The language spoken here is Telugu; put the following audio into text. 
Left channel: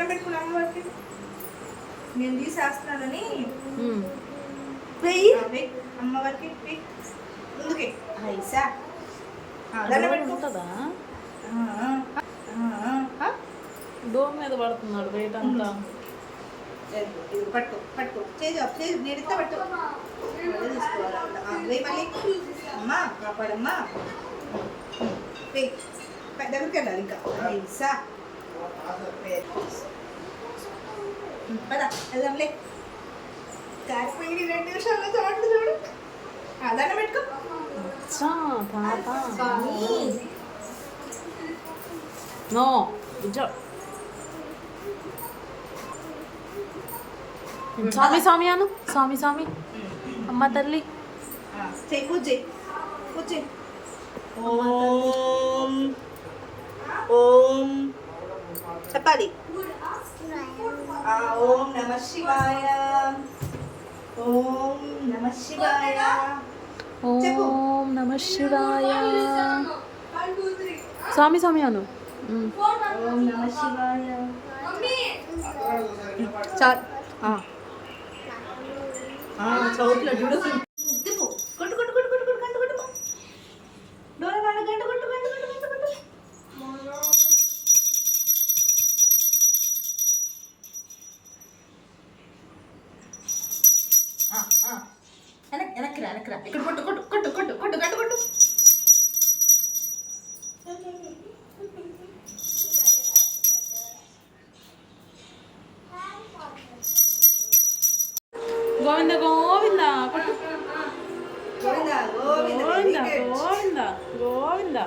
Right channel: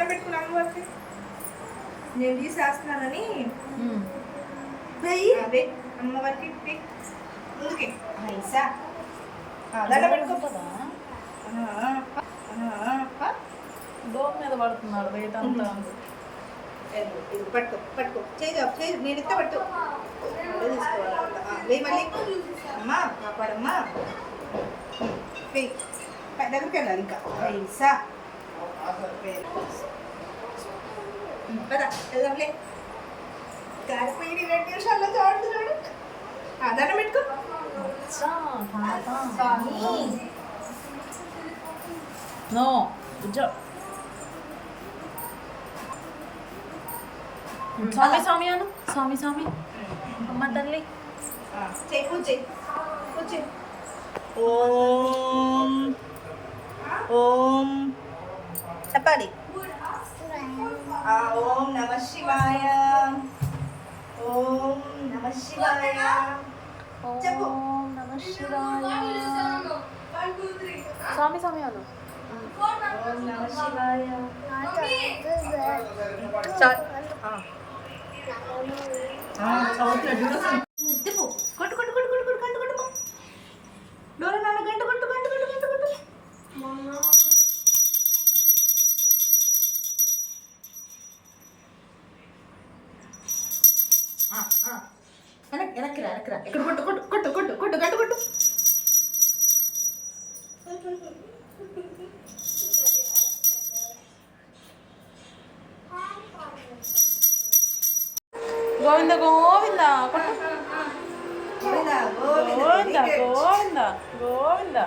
దండం పెట్టుకున్నాను వారికి నేను తీసేస్తున్నానని అమ్మవారికి ముందుకే ఐసా దండం పెట్టుకుంటుందా దోమ మీద పడుతున్నాడు బయట అంతా. ఇది పట్టుకో పట్టుకో చేయి నేను ఇస్తా పట్టు తీసుకోవాలంట వేయి మళ్ళీ అమ్మా కాపాడమ్మా దగ్గరికి వెళ్ళాలి ఇంకా ఐసా పదా వెళ్దాంలే కారిపోయి 2 నిమిషాల్లో చాటు చూడు దండం పెట్టుకో నో గుజ్జో స్వామి స్వామి అను స్వామి స్వామి అమ్మ తల్లి చేయి పూజ చేయి ఓం ఓం చెప్పాలి ఓం నమ శివాయ ఓం నమ శివాయ ఓం నమ శివాయ స్వామి స్వామి అను ఓం నమ శివాయ తిప్పు కొట్టు కొట్టు కొట్టు కొట్టు కొట్టు గంట కొట్టు డోర నాన్న గంట కొట్టు గంట కొట్టు గంట కొట్టు వెనక్కి రా ఇక్కడ కొట్టు కొట్టు కొట్టు కొట్టు కొట్టు గంట కొట్టు గోవింద గోవింద కొట్టు గోవిందా గోవింద గోవింద గోవింద